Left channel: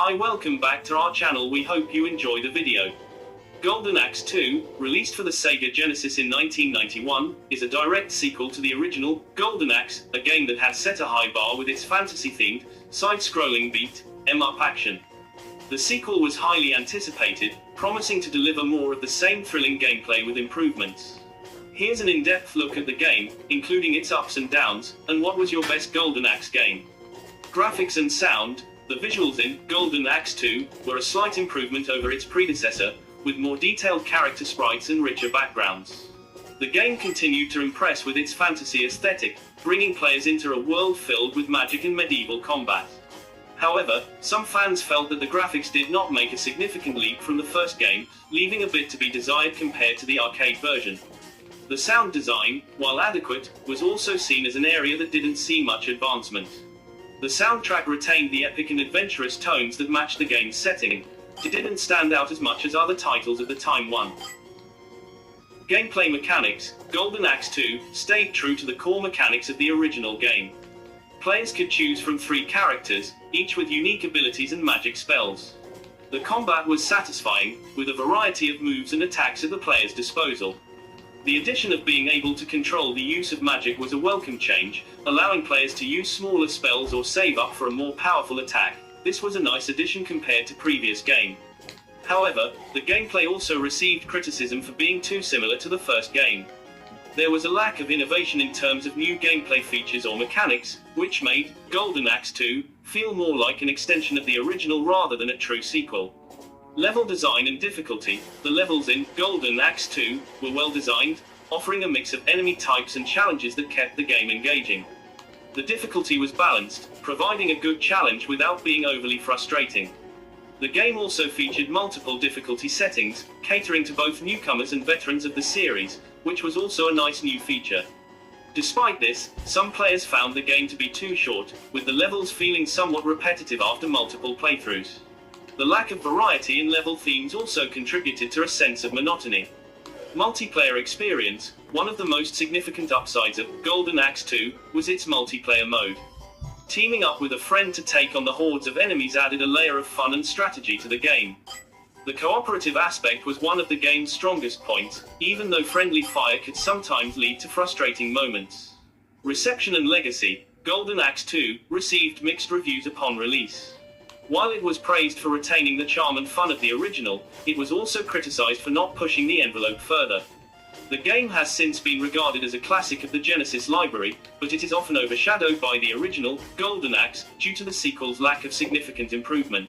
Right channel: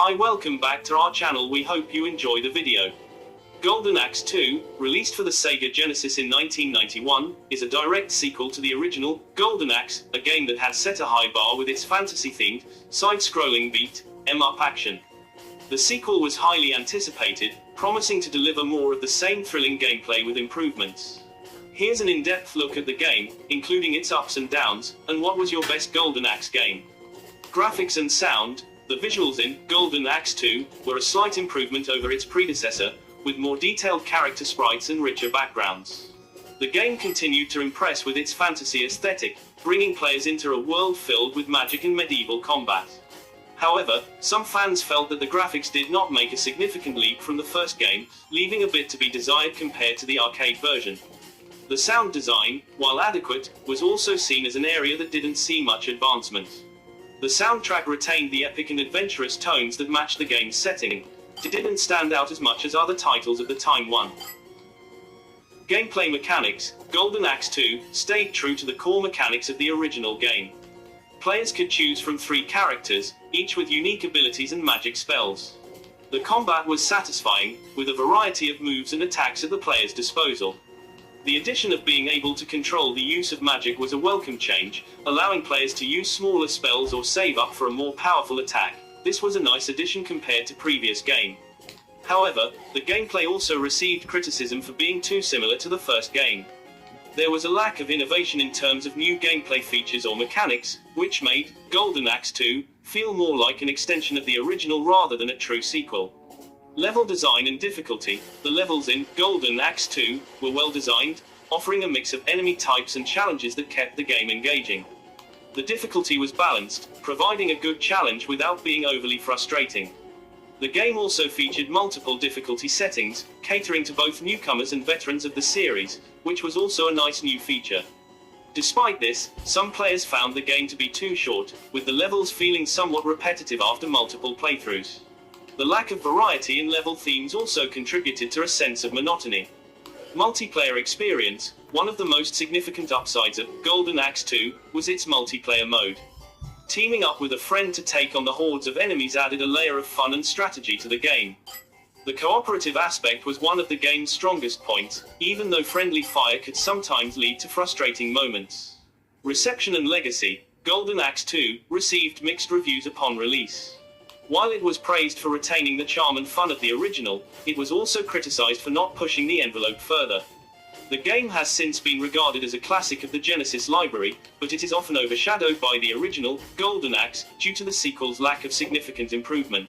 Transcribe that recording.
Hi, welcome back to our channel. We hope you enjoy the video. Golden Axe 2, released for the Sega Genesis in 1991, is a direct sequel to the original Golden Axe, a game that had set a high bar with its fantasy-themed, side-scrolling beat-em-up action. The sequel was highly anticipated, promising to deliver more of the same thrilling gameplay with improvements. Here's an in-depth look at the game, including its ups and downs, and what was your best Golden Axe game. Graphics and sound. The visuals in Golden Axe 2 were a slight improvement over its predecessor, with more detailed character sprites and richer backgrounds. The game continued to impress with its fantasy aesthetic, bringing players into a world filled with magic and medieval combat. However, some fans felt that the graphics did not make a significant leap from the first game, leaving a bit to be desired compared to the arcade version. The sound design, while adequate, was also seen as an area that didn't see much advancement. The soundtrack retained the epic and adventurous tones that matched the game's setting. It didn't stand out as much as other titles at the time won. Gameplay mechanics. Golden Axe 2 stayed true to the core mechanics of the original game. Players could choose from 3 characters, each with unique abilities and magic spells. The combat was satisfying, with a variety of moves and attacks at the player's disposal. The addition of being able to control the use of magic was a welcome change, allowing players to use smaller spells or save up for a more powerful attack. This was a nice addition compared to previous game. However, the gameplay also received criticism for being too similar to the first game. There was a lack of innovation in terms of new gameplay features or mechanics, which made Golden Axe 2 feel more like an extension of the original rather than a true sequel. Level design and difficulty. The levels in Golden Axe 2 were well designed, offering a mix of enemy types and challenges that kept the game engaging. The difficulty was balanced, providing a good challenge without being overly frustrating. The game also featured multiple difficulty settings, catering to both newcomers and veterans of the series, which was also a nice new feature. Despite this, some players found the game to be too short, with the levels feeling somewhat repetitive after multiple playthroughs. The lack of variety in level themes also contributed to a sense of monotony. Multiplayer experience. One of the most significant upsides of Golden Axe 2 was its multiplayer mode. Teaming up with a friend to take on the hordes of enemies added a layer of fun and strategy to the game. The cooperative aspect was one of the game's strongest points, even though friendly fire could sometimes lead to frustrating moments. Reception and legacy. Golden Axe 2 received mixed reviews upon release. While it was praised for retaining the charm and fun of the original, it was also criticized for not pushing the envelope further. The game has since been regarded as a classic of the Genesis library, but it is often overshadowed by the original Golden Axe due to the sequel's lack of significant improvement.